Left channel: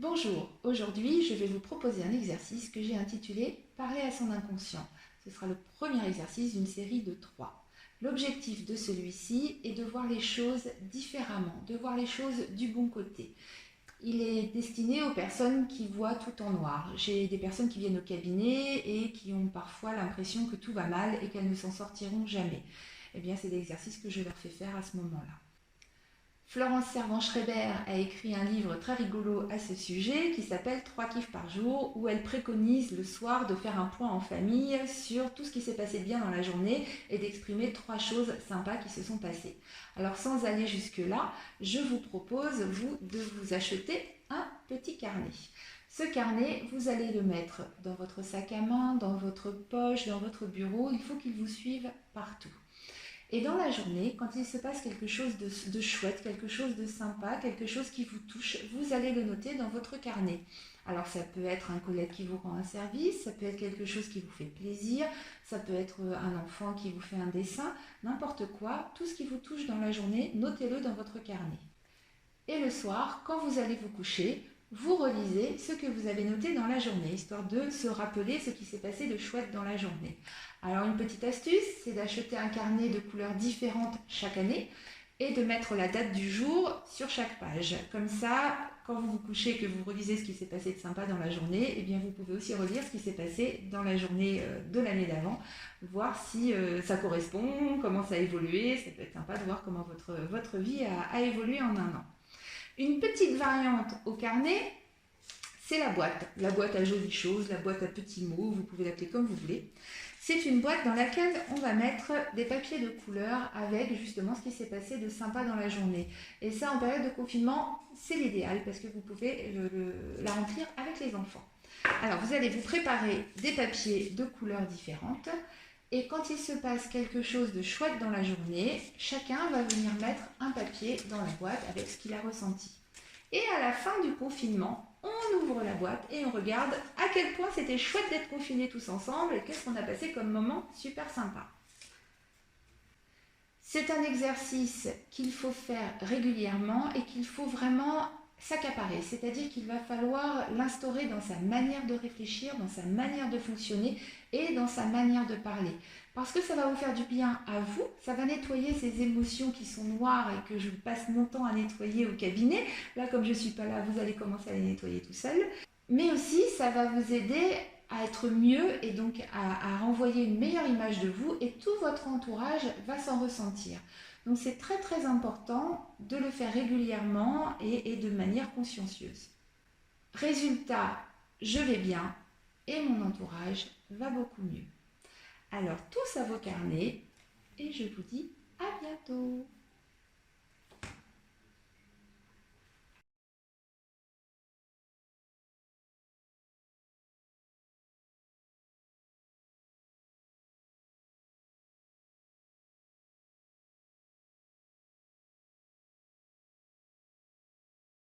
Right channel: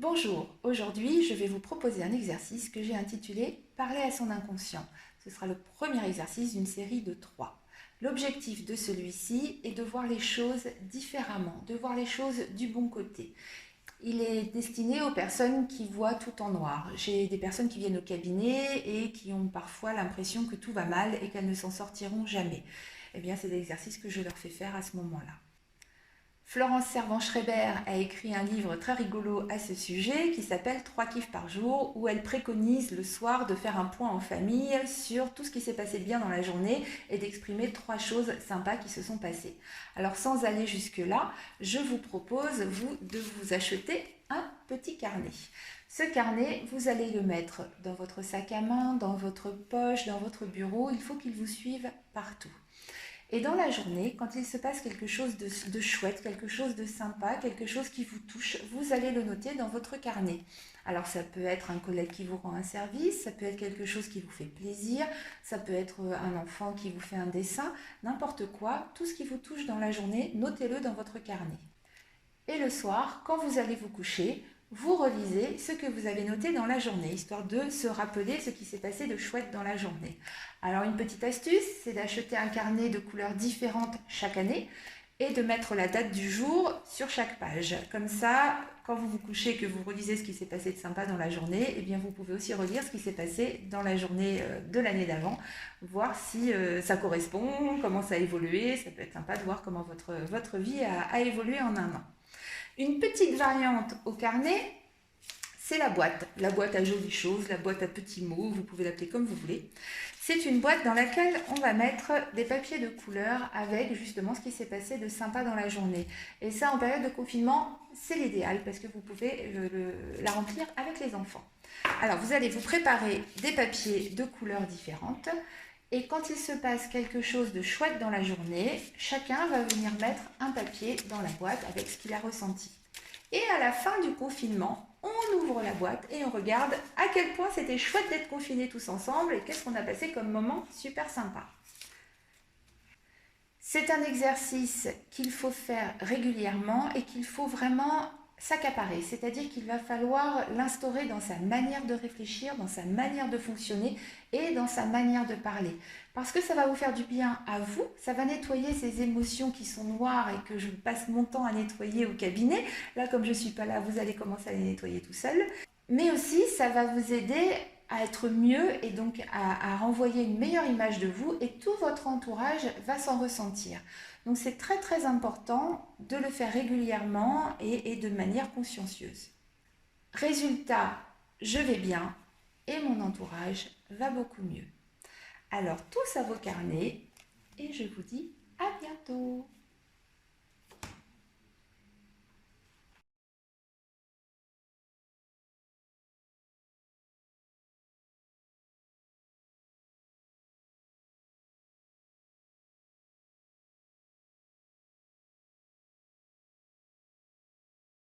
Bonjour, aujourd'hui je vais vous proposer un exercice que j'ai intitulé « Parler à son inconscient ». Ce sera le premier exercice d'une série de 3. L'objectif de celui-ci est de voir les choses différemment, de voir les choses du bon côté. Il est destiné aux personnes qui voient tout en noir. J'ai des personnes qui viennent au cabinet et qui ont parfois l'impression que tout va mal et qu'elles ne s'en sortiront jamais. Eh bien, c'est l'exercice que je leur fais faire à ce moment-là. Florence Servan-Schreiber a écrit un livre très rigolo à ce sujet qui s'appelle 3 kiffs par jour, où elle préconise le soir de faire un point en famille sur tout ce qui s'est passé de bien dans la journée et d'exprimer 3 choses sympas qui se sont passées. Alors sans aller jusque-là, je vous propose de vous acheter un petit carnet. Ce carnet, vous allez le mettre dans votre sac à main, dans votre poche, dans votre bureau. Il faut qu'il vous suive partout. Et dans la journée, quand il se passe quelque chose de chouette, quelque chose de sympa, quelque chose qui vous touche, vous allez le noter dans votre carnet. Alors ça peut être un collègue qui vous rend un service, ça peut être quelque chose qui vous fait plaisir, ça peut être un enfant qui vous fait un dessin, n'importe quoi, tout ce qui vous touche dans la journée, notez-le dans votre carnet. Et le soir, quand vous allez vous coucher, vous relisez ce que vous avez noté dans la journée, histoire de se rappeler ce qui s'est passé de chouette dans la journée. Alors une petite astuce, c'est d'acheter un carnet de couleurs différentes chaque année et de mettre la date du jour sur chaque page. Comme ça, quand vous vous couchez et que vous relisez ce qui s'est passé de sympa dans la journée, eh bien vous pouvez aussi relire ce qui s'est passé dans la journée de l'année d'avant, voir si ça correspond, comment ça a évolué. Ça peut être sympa de voir comment votre vie a évolué en un an. Une petite variante au carnet, c'est la boîte à jolies choses, la boîte à petits mots, vous pouvez l'appeler comme vous voulez. C'est une boîte dans laquelle on va mettre des papiers de couleur avec justement ce qui s'est passé de sympa dans la journée. Et ça, en période de confinement, c'est l'idéal parce que vous pouvez la remplir avec les enfants. Alors, vous allez vous préparer des papiers de couleurs différentes. Et quand il se passe quelque chose de chouette dans la journée, chacun va venir mettre un papier dans la boîte avec ce qu'il a ressenti. Et à la fin du confinement, on ouvre la boîte et on regarde à quel point c'était chouette d'être confinés tous ensemble et qu'est-ce qu'on a passé comme moment super sympa. C'est un exercice qu'il faut faire régulièrement et qu'il faut vraiment s'accaparer, c'est-à-dire qu'il va falloir l'instaurer dans sa manière de réfléchir, dans sa manière de fonctionner et dans sa manière de parler. Parce que ça va vous faire du bien à vous, ça va nettoyer ces émotions qui sont noires et que je passe mon temps à nettoyer au cabinet. Là, comme je ne suis pas là, vous allez commencer à les nettoyer tout seul. Mais aussi, ça va vous aider à être mieux et donc à renvoyer une meilleure image de vous et tout votre entourage va s'en ressentir. Donc c'est très très important de le faire régulièrement et de manière consciencieuse. Résultat, je vais bien et mon entourage va beaucoup mieux. Alors tous à vos carnets et je vous dis à bientôt.